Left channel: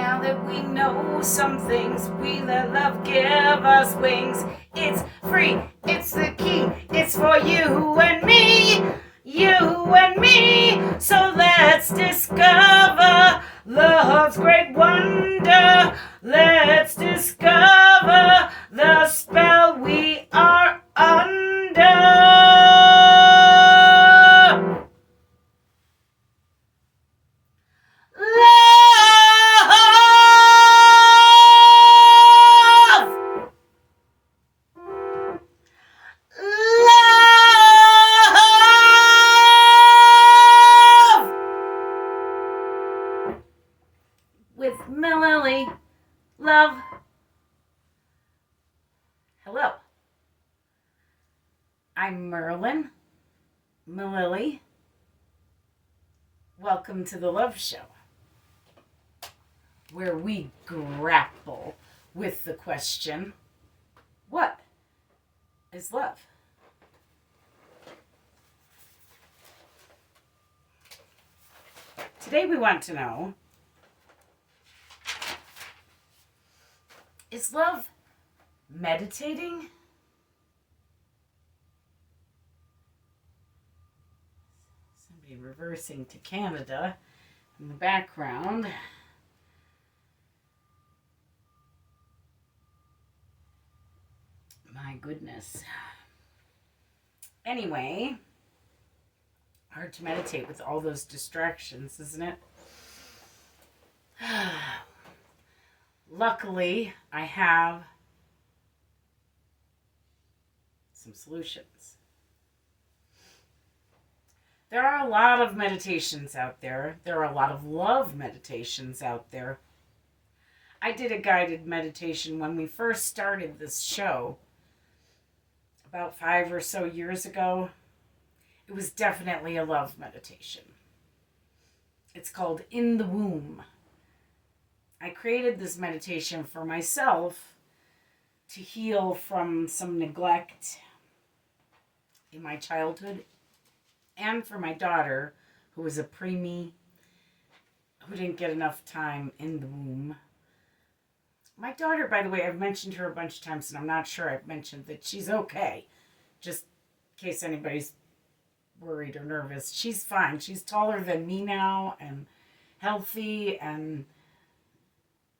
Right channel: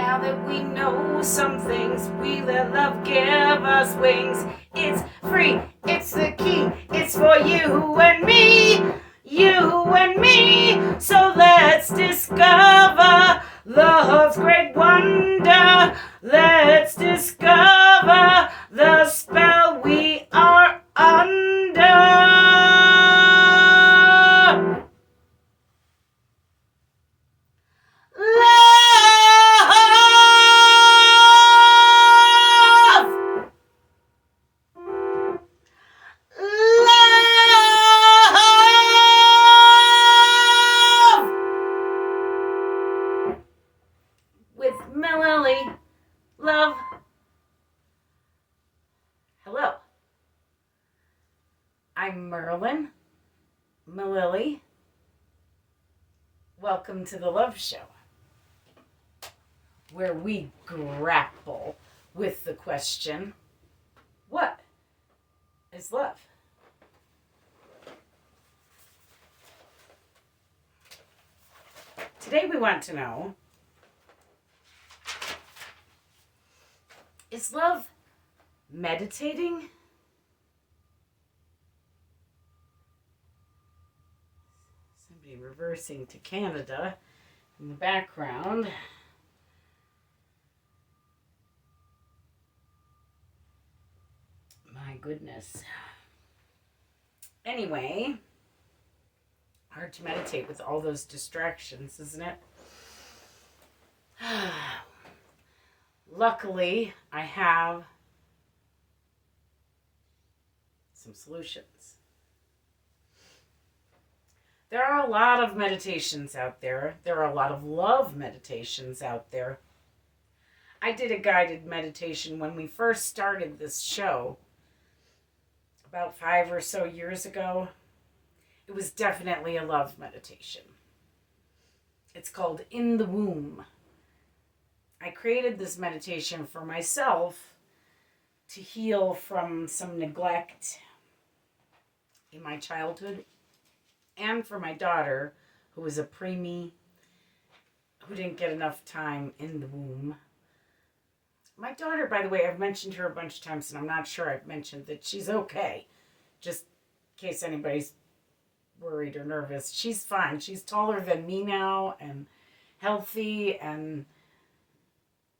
Now that we know some things, we let love give us wings. It's free, it's the key, it's for you and me, you and me. So let's discover love's great wonder. Let's discover the spell we are under. With Mililli. Love. Hello. I'm Merlin. Mililli. Welcome to the Love Show, where we grapple with the question, what is love? Today we want to know, is love meditating? Somebody reversing to Canada in the background. My goodness. Anyway, hard to meditate with all those distractions, isn't it? Luckily, I have some solutions. There are a lot of meditations out there. There are a lot of love meditations out there. I did a guided meditation when we first started this show about 5 or so years ago. It was definitely a love meditation. It's called In the Womb. I created this meditation for myself to heal from some neglect in my childhood, and for my daughter, who was a preemie, who didn't get enough time in the womb. My daughter, by the way, I've mentioned her a bunch of times, and I'm not sure I've mentioned that she's okay. Just in case anybody's worried or nervous. She's fine. She's taller than me now, and healthy, and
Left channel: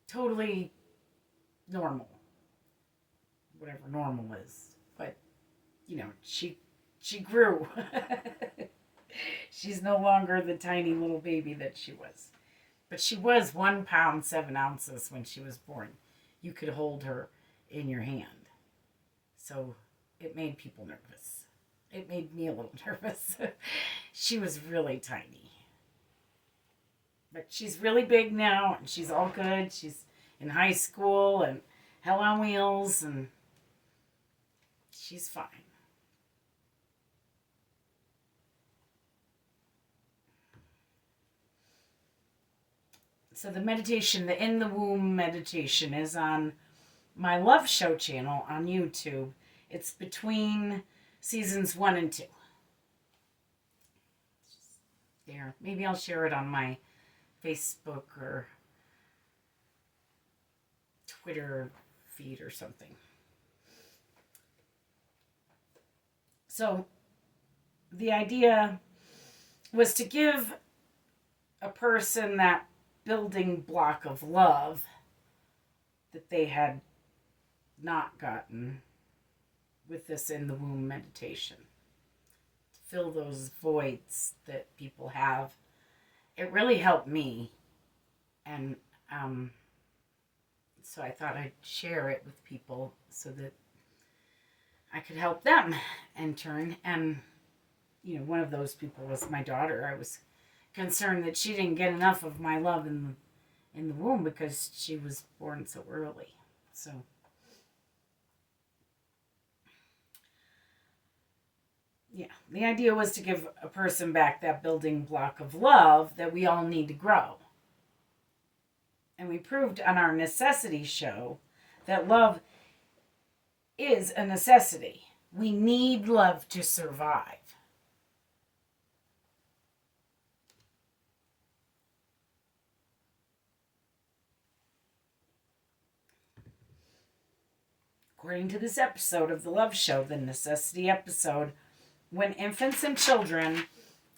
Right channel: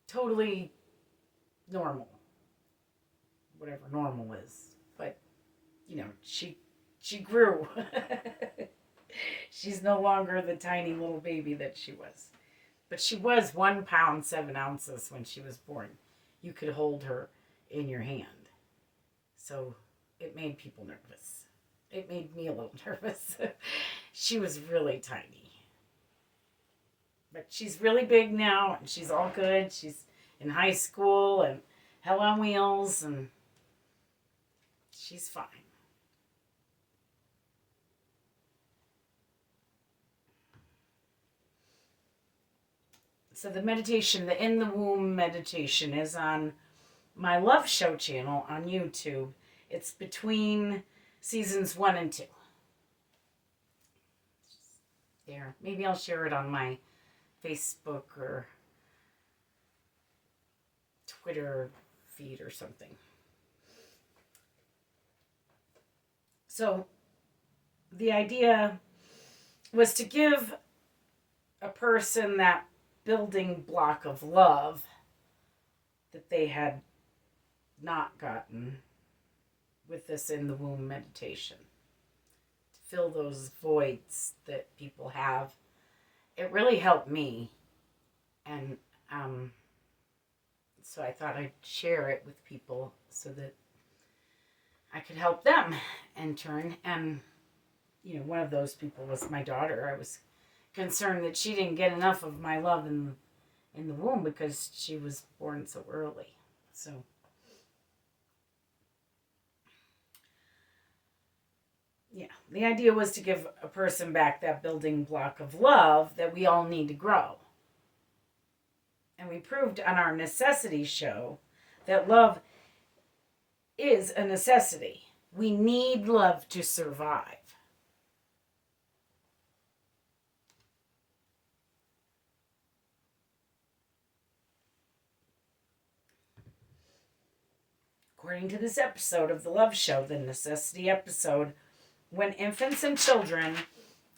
totally normal. Whatever normal is. But, you know, she grew. She's no longer the tiny little baby that she was. But she was 1 pound, 7 ounces when she was born. You could hold her in your hand. So it made people nervous. It made me a little nervous. She was really tiny. But she's really big now, and she's all good. She's in high school and Hell on Wheels, and she's fine. So the meditation, the In the Womb meditation, is on my Love Show channel on YouTube. It's between seasons 1 and 2. There. Maybe I'll share it on my Facebook or Twitter feed or something. So the idea was to give a person that building block of love that they had not gotten with this In the Womb meditation. To fill those voids that people have. It really helped me. And so I thought I'd share it with people so that I could help them in turn. And, you know, one of those people was my daughter. I was concerned that she didn't get enough of my love in the womb because she was born so early. So yeah, the idea was to give a person back that building block of love that we all need to grow. And we proved on our necessity show that love is a necessity. We need love to survive. According to this episode of The Love Show, the necessity episode, when infants and children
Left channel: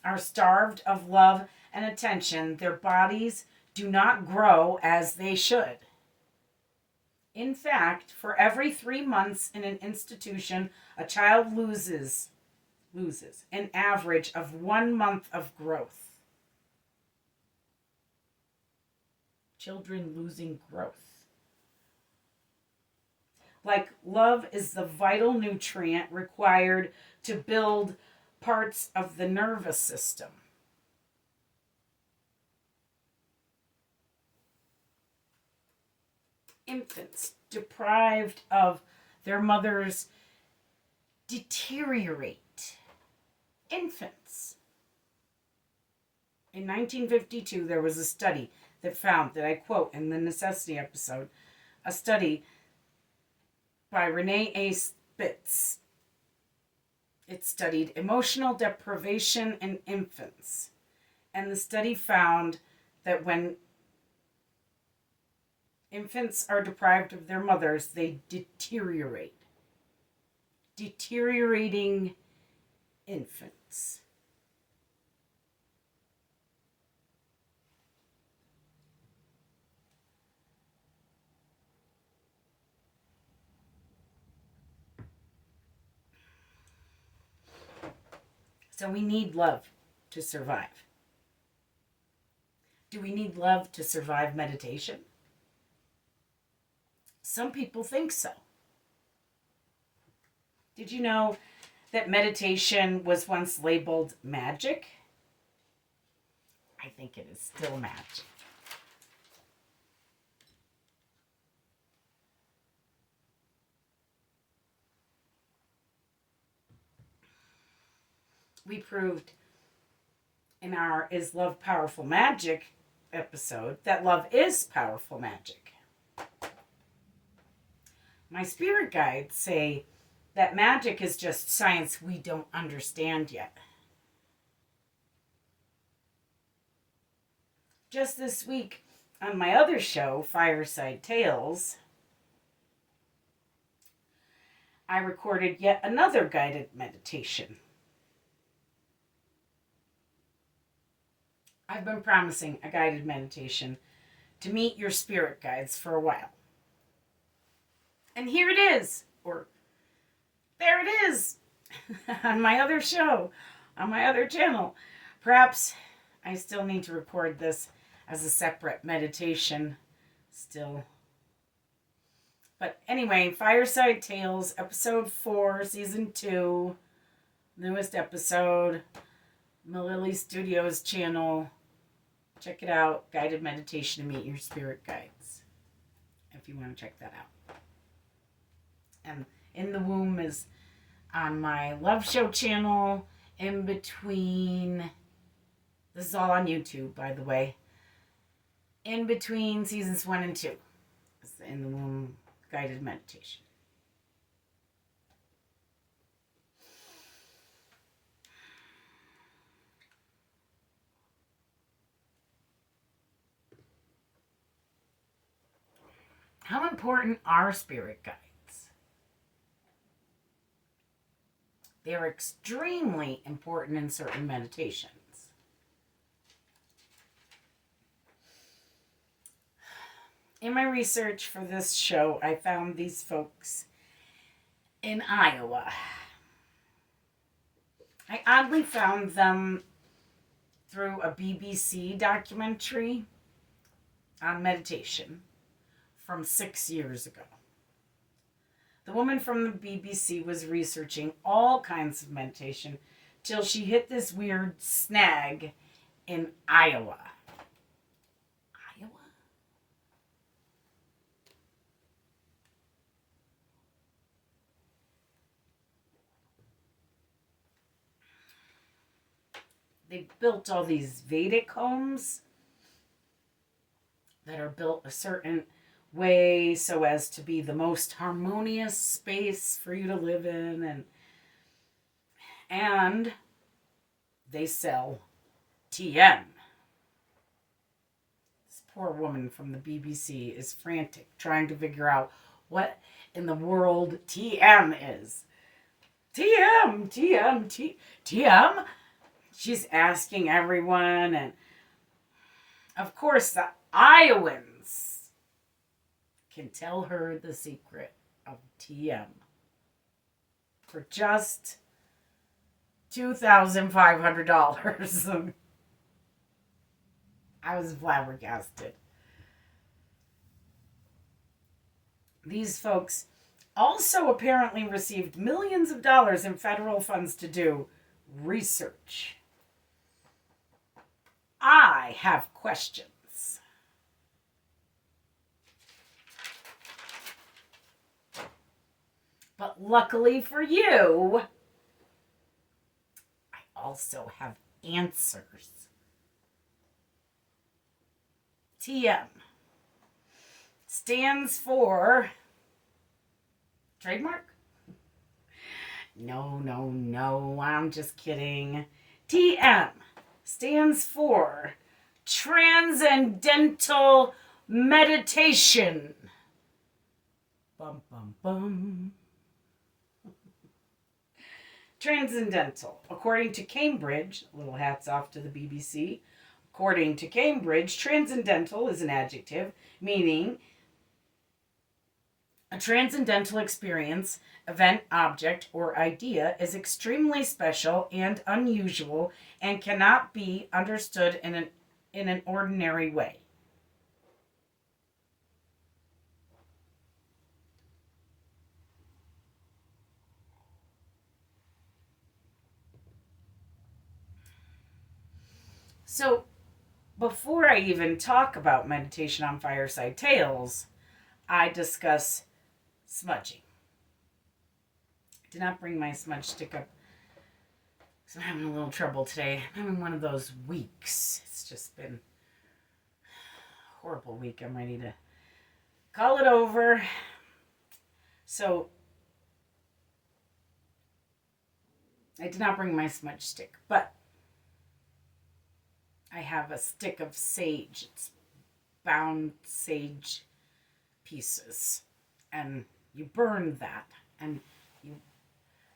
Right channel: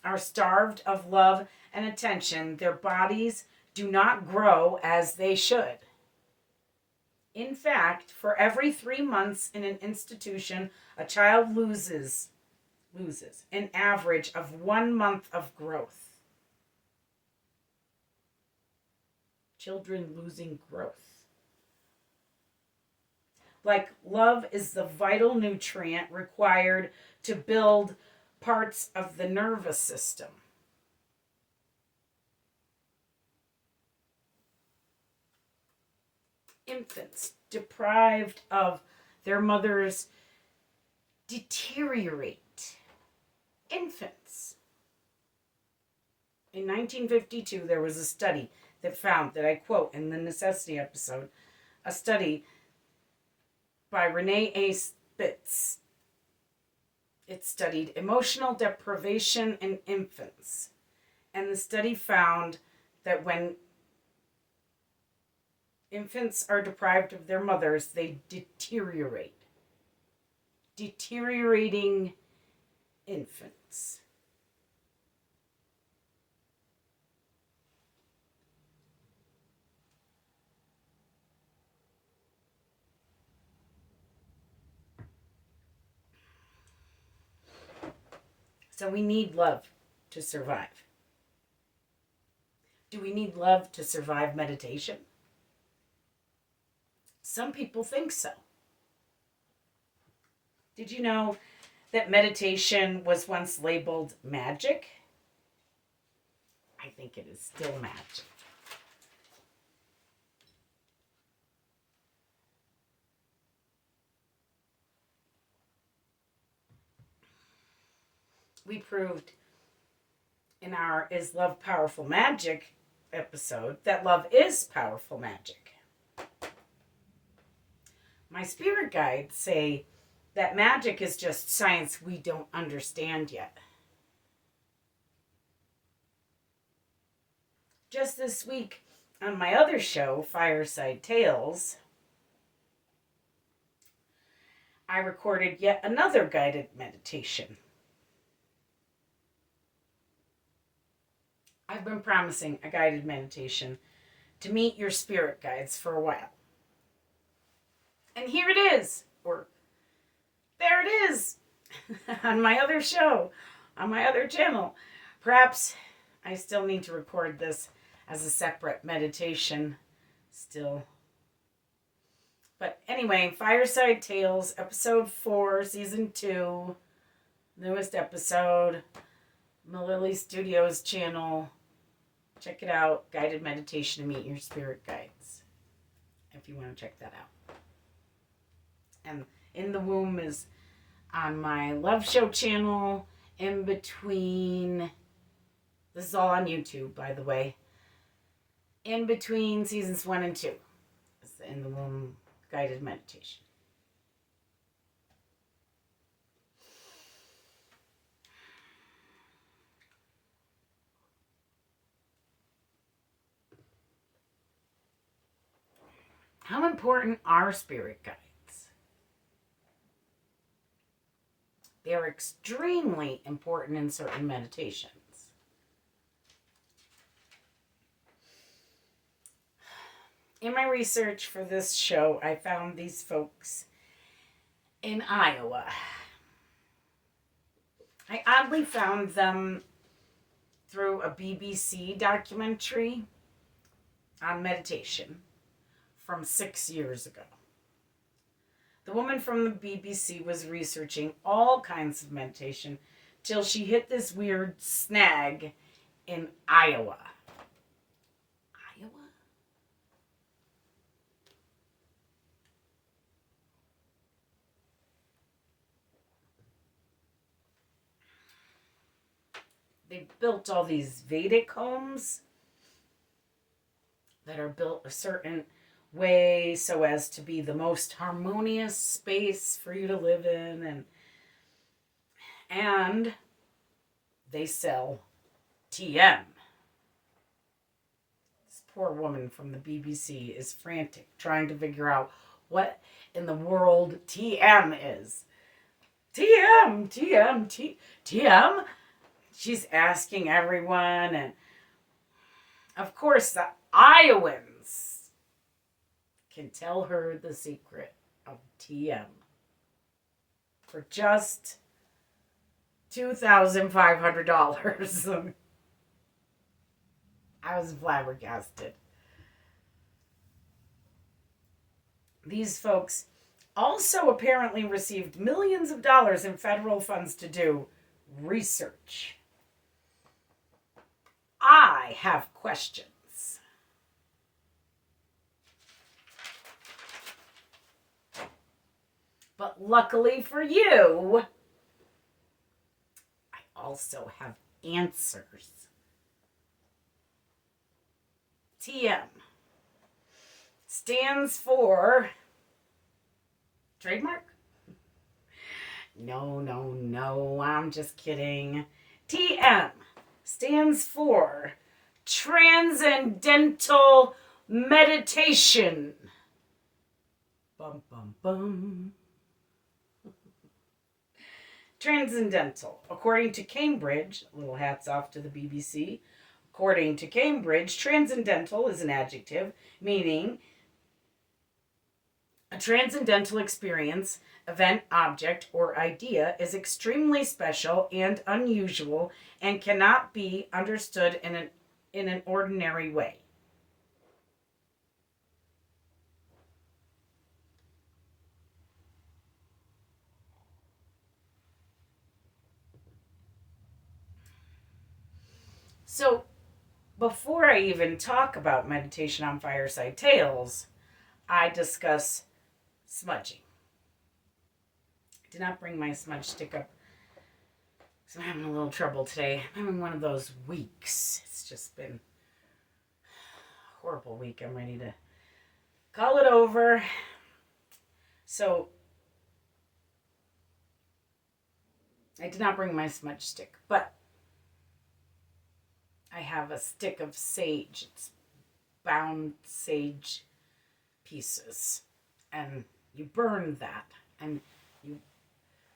are starved of love and attention, their bodies do not grow as they should. In fact, for every 3 months in an institution, a child loses an average of 1 month of growth. Children losing growth. Like love is the vital nutrient required to build parts of the nervous system. Infants deprived of their mothers deteriorate. Infants. In 1952, there was a study that found that, I quote in the necessity episode, a study by Renee A. Spitz. It studied emotional deprivation in infants. And the study found that when infants are deprived of their mothers, they deteriorate. Deteriorating infants. So we need love to survive. Do we need love to survive meditation? Some people think so. Did you know that meditation was once labeled magic? I think it is still magic. We proved in our Is Love Powerful Magic episode that love is powerful magic. My spirit guides say that magic is just science we don't understand yet. Just this week on my other show, Fireside Tales, I recorded yet another guided meditation. I've been promising a guided meditation to meet your spirit guides for a while. And here it is, or there it is, on my other show, on my other channel. Perhaps I still need to record this as a separate meditation still. But anyway, Fireside Tales, episode 4, season 2, newest episode, Mililli Studios channel. Check it out, guided meditation to meet your spirit guides, if you want to check that out. And In the Womb is on my Love Show channel, in between, this is all on YouTube, by the way, in between seasons 1 and 2. It's the In the Womb guided meditation. How important are spirit guides? They are extremely important in certain meditations. In my research for this show, I found these folks in Iowa. I oddly found them through a BBC documentary on meditation from 6 years ago. The woman from the BBC was researching all kinds of meditation till she hit this weird snag in Iowa. Iowa? They built all these Vedic homes that are built a certain way so as to be the most harmonious space for you to live in, and they sell TM. This poor woman from the BBC is frantic trying to figure out what in the world TM is. TM, TM, TM. She's asking everyone, and of course, the Iowans can tell her the secret of TM for just $2,500. I was flabbergasted. These folks also apparently received millions of dollars in federal funds to do research. I have questions. But luckily for you, I also have answers. TM stands for trademark? No, I'm just kidding. TM stands for Transcendental Meditation. Bum, bum, bum. Transcendental. According to Cambridge, little hats off to the BBC. According to Cambridge, transcendental is an adjective meaning a transcendental experience, event, object, or idea is extremely special and unusual and cannot be understood in an ordinary way. So, before I even talk about meditation on Fireside Tales, I discuss smudging. I did not bring my smudge stick up, so I'm having a little trouble today. I'm having one of those weeks. It's just been a horrible week. I'm ready to call it over. So, I did not bring my smudge stick, but I have a stick of sage. It's bound sage pieces. And you burn that. And you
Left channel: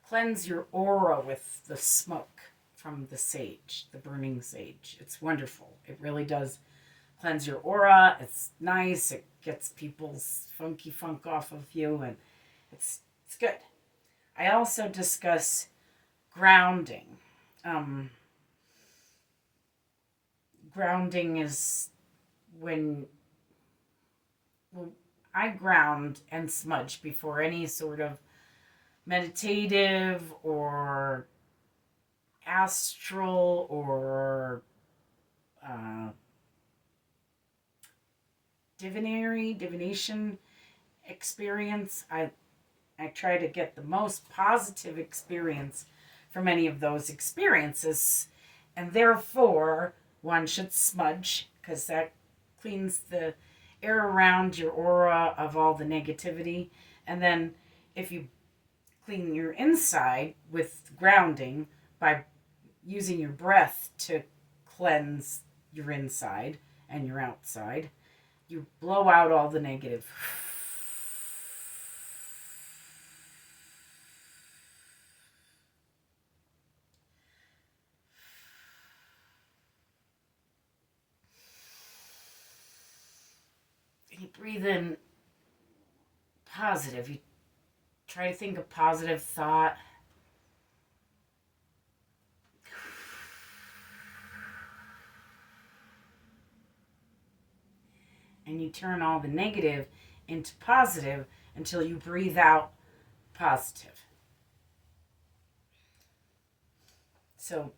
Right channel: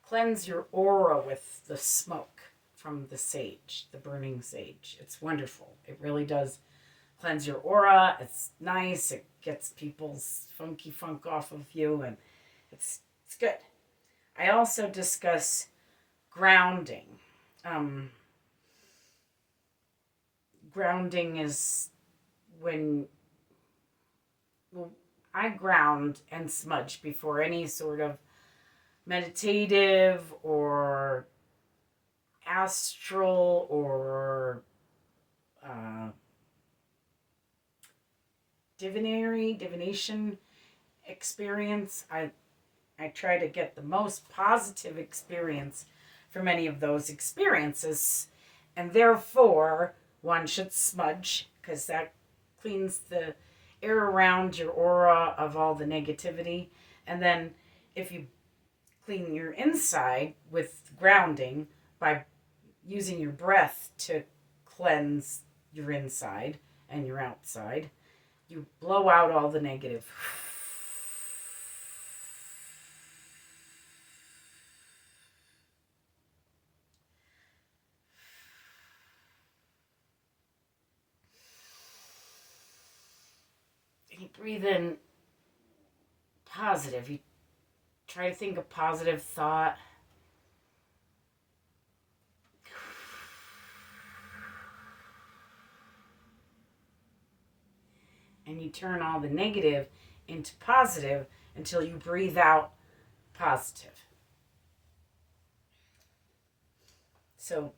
cleanse your aura with the smoke from the sage, the burning sage. It's wonderful. It really does cleanse your aura. It's nice. It gets people's funky funk off of you. And it's good. I also discuss grounding. Grounding is when I ground and smudge before any sort of meditative or astral or divination experience. I try to get the most positive experience from any of those experiences, and therefore one should smudge because that cleans the air around your aura of all the negativity. And then if you clean your inside with grounding by using your breath to cleanse your inside and your outside, you blow out all the negative. You breathe in positive. You try to think a positive thought. And you turn all the negative into positive until you breathe out positive. So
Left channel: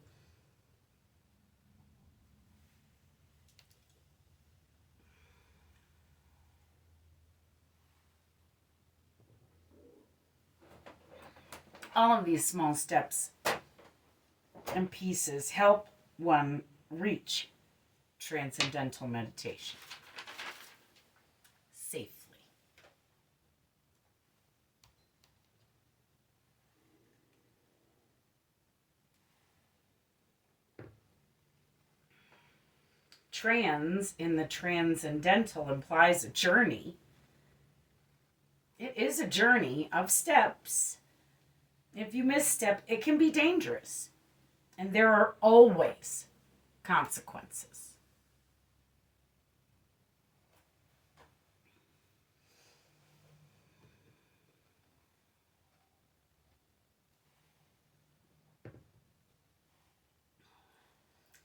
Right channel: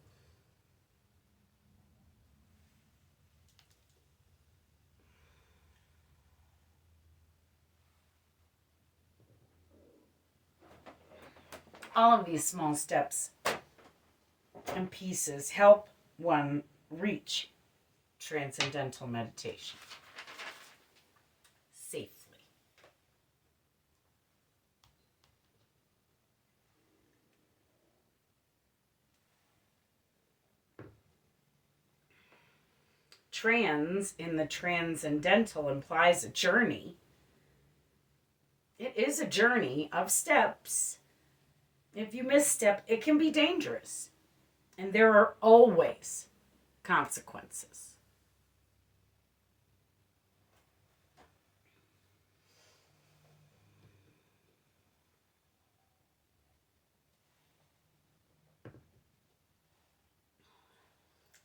all of these small steps and pieces help one reach transcendental meditation safely. Trans in the transcendental implies a journey. It is a journey of steps. If you misstep, it can be dangerous. And there are always consequences.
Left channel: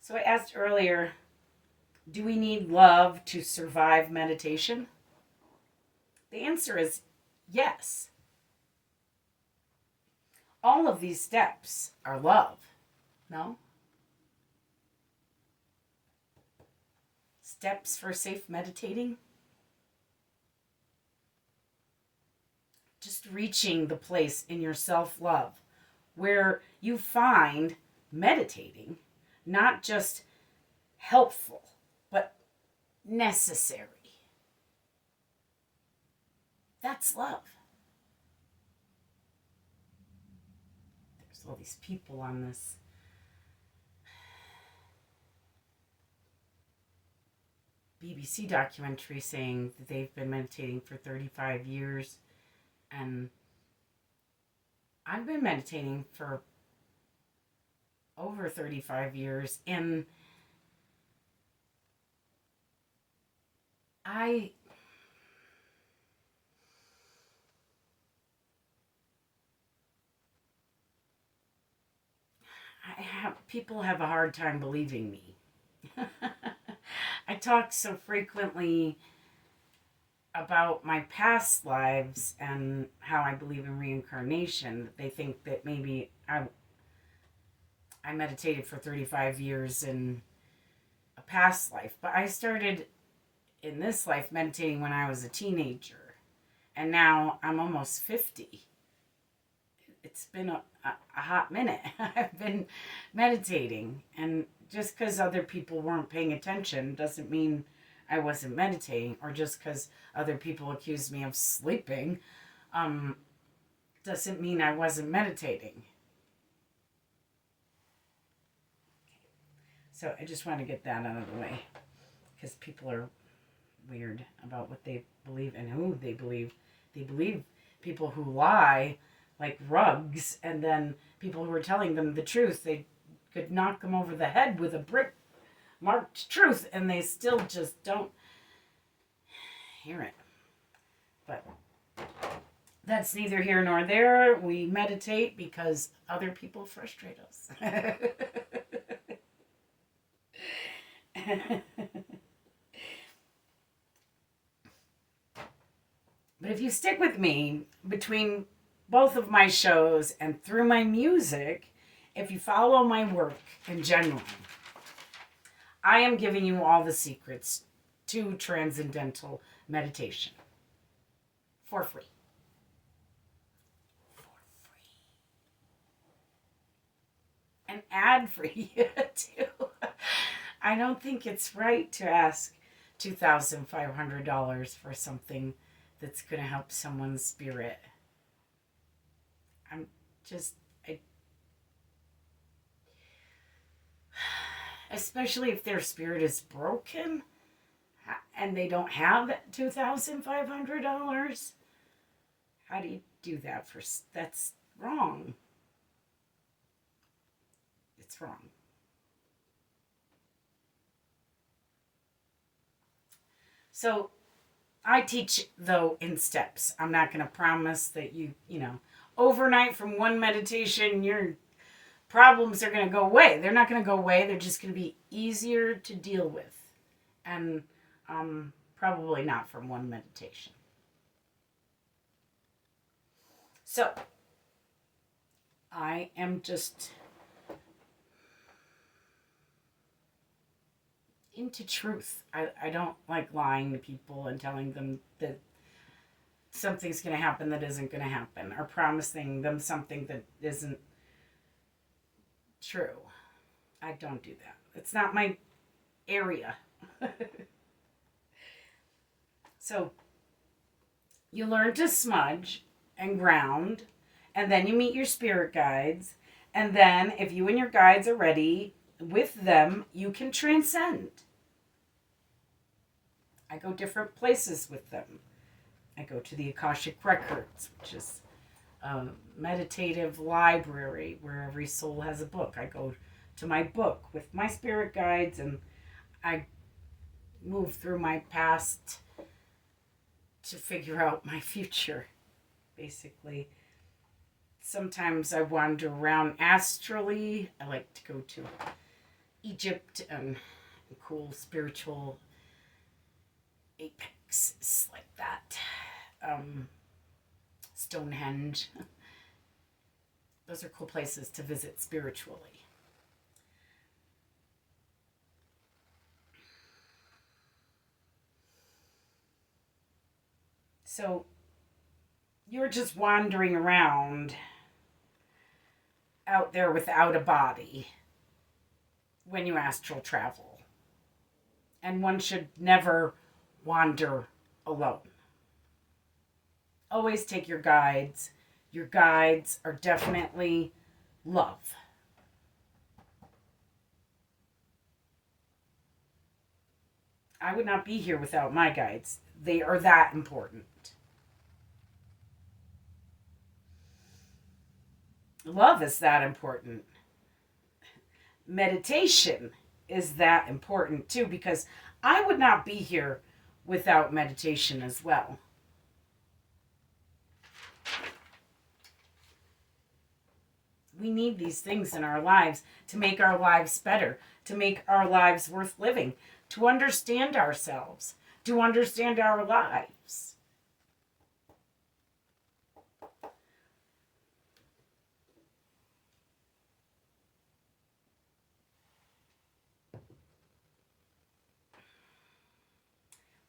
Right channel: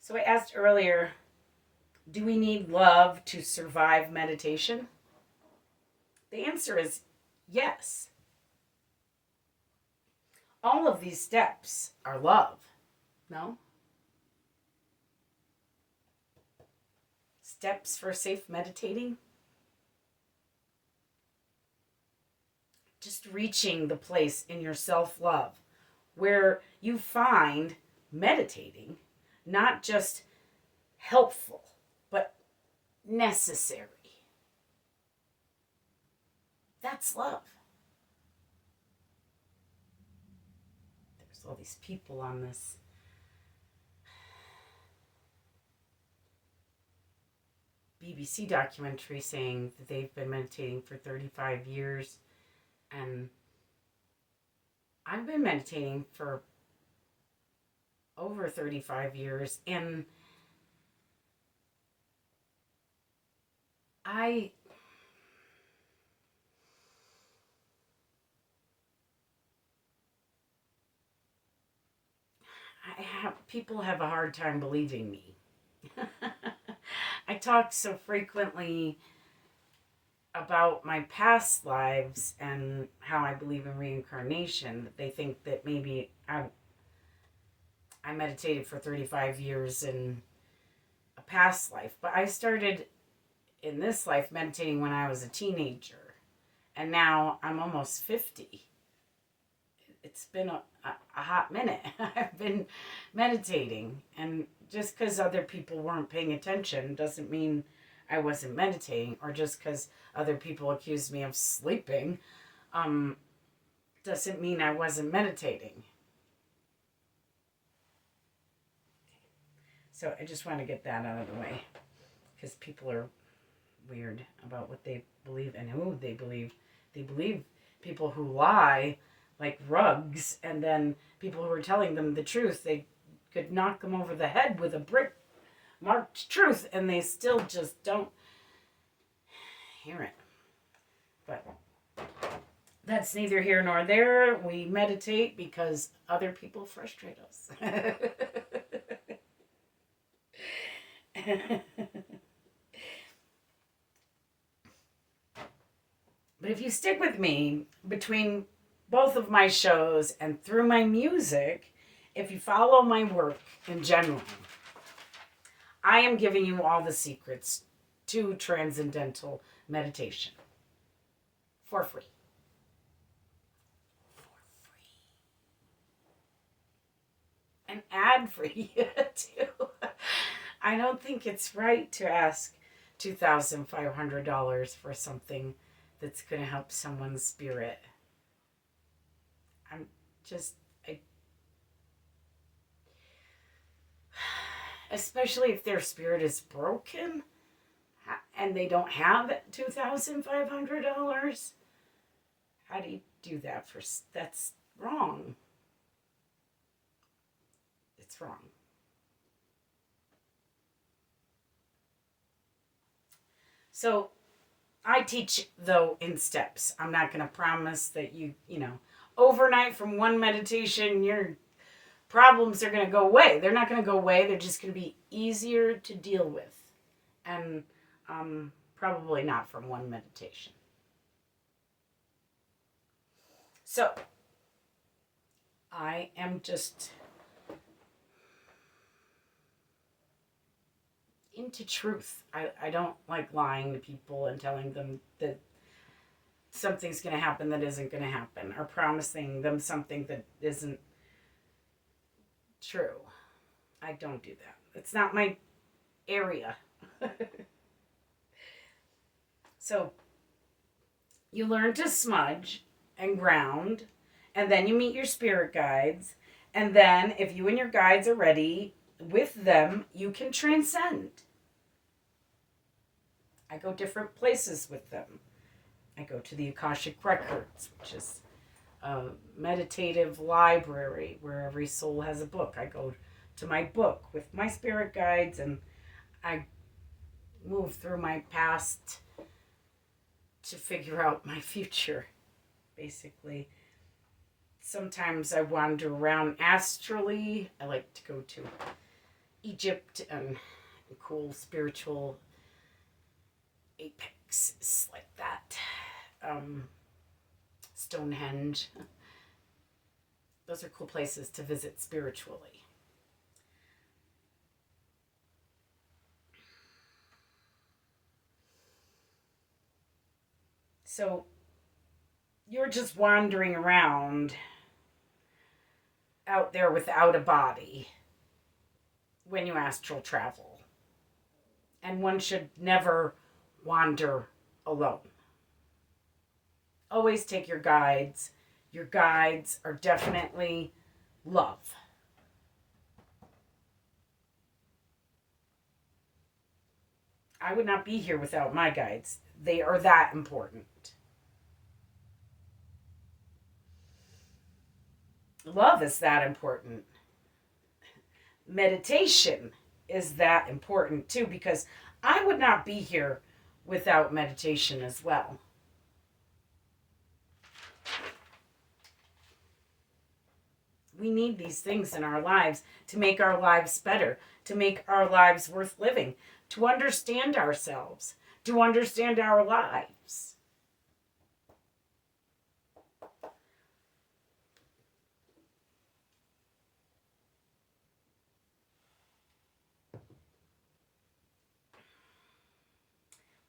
So I asked earlier, do we need love to survive meditation? The answer is yes. All of these steps are love, no? Steps for safe meditating? Just reaching the place in your self-love where you find meditating not just helpful, but necessary. That's love. There's all these people on this BBC documentary saying that they've been meditating for 35 years. And I've been meditating for over 35 years. And I people have a hard time believing me. I talk so frequently about my past lives and how I believe in reincarnation that they think that maybe I meditated for 35 years in a past life. But I started in this life meditating when I was a teenager. And now I'm almost 50. It's been a hot minute. I've been meditating. And just because other people weren't paying attention doesn't mean I wasn't meditating. Or just because other people accused me of sleeping doesn't mean I wasn't meditating. So I just want to get that out of the way. Because people are weird about what they believe and who they believe. They believe people who lie like rugs, and then people who are telling them the truth, they could knock them over the head with a brick marked truth, and they still just don't hear it. But that's neither here nor there. We meditate because other people frustrate us. But if you stick with me between both of my shows and through my music, if you follow my work in general, I am giving you all the secrets to transcendental meditation for free. And ad-free too. I don't think it's right to ask $2,500 for something that's going to help someone's spirit. Especially if their spirit is broken and they don't have $2,500. How do you do that that's wrong. It's wrong. So I teach, though, in steps. I'm not going to promise that you overnight from one meditation, your problems are going to go away. They're not going to go away. They're just going to be easier to deal with. And probably not from one meditation. So, I am just into truth. I don't like lying to people and telling them that something's going to happen that isn't going to happen, or promising them something that isn't true. I don't do that. It's not my area. So you learn to smudge and ground, and then you meet your spirit guides, and then if you and your guides are ready with them, you can transcend. I go different places with them. I go to the Akashic Records, which is a meditative library where every soul has a book. I go to my book with my spirit guides, and I move through my past to figure out my future, basically. Sometimes I wander around astrally. I like to go to Egypt and cool spiritual apexes like that. Stonehenge. Those are cool places to visit spiritually. So you're just wandering around out there without a body when you astral travel. And one should never wander alone. Always take your guides. Your guides are definitely love. I would not be here without my guides. They are that important. Love is that important. Meditation is that important too, because I would not be here without meditation as well. We need these things in our lives to make our lives better, to make our lives worth living, to understand ourselves, to understand our lives.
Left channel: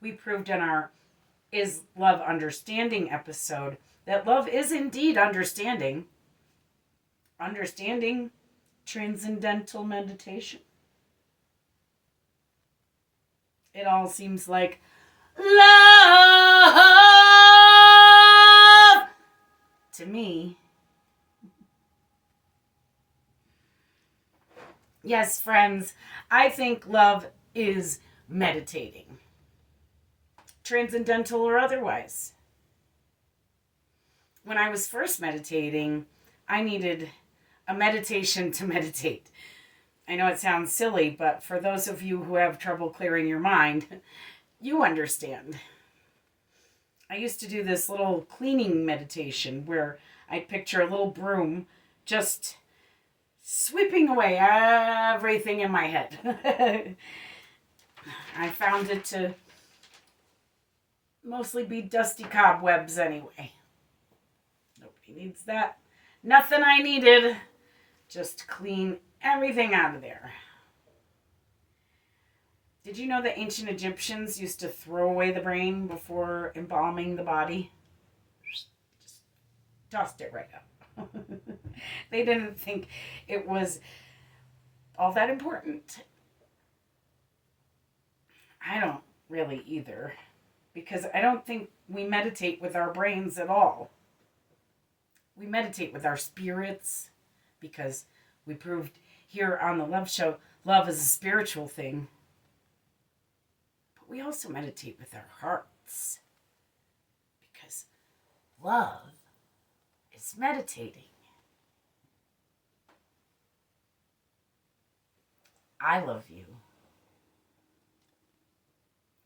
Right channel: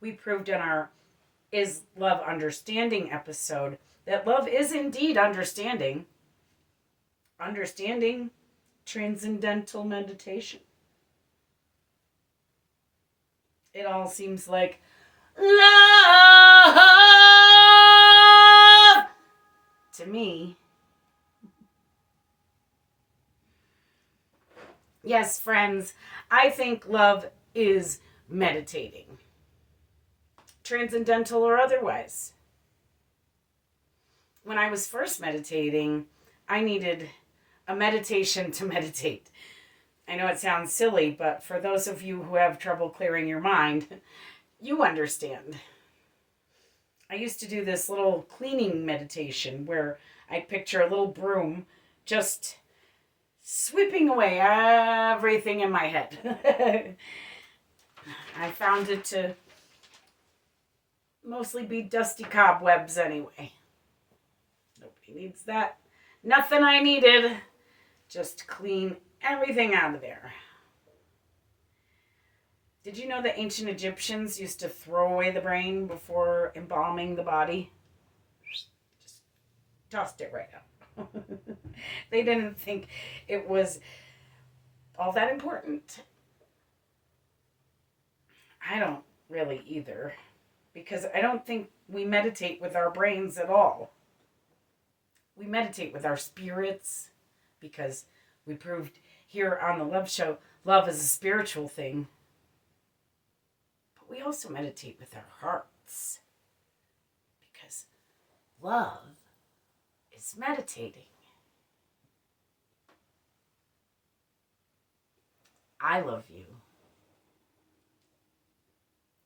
We proved in our Is Love Understanding episode that love is indeed understanding. Understanding transcendental meditation. It all seems like love to me. Yes, friends, I think love is meditating. Transcendental or otherwise. When I was first meditating, I needed a meditation to meditate. I know it sounds silly, but for those of you who have trouble clearing your mind, you understand. I used to do this little cleaning meditation where I'd picture a little broom just sweeping away everything in my head. I found it to mostly be dusty cobwebs anyway. Nobody needs that. Nothing I needed. Just clean everything out of there. Did you know that ancient Egyptians used to throw away the brain before embalming the body? Just tossed it right out. They didn't think it was all that important. I don't really either, because I don't think we meditate with our brains at all. We meditate with our spirits, because we proved here on the Love Show, love is a spiritual thing. But we also meditate with our hearts, because love is meditating. I love you.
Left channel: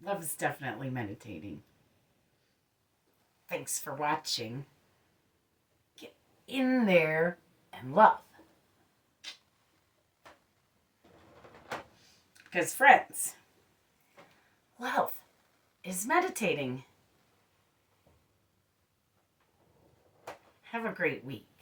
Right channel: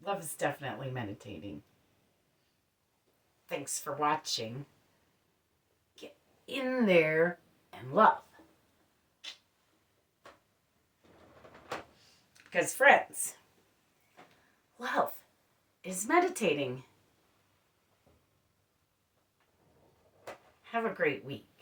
Love is definitely meditating. Thanks for watching. Get in there and love. Because friends, love is meditating. Have a great week.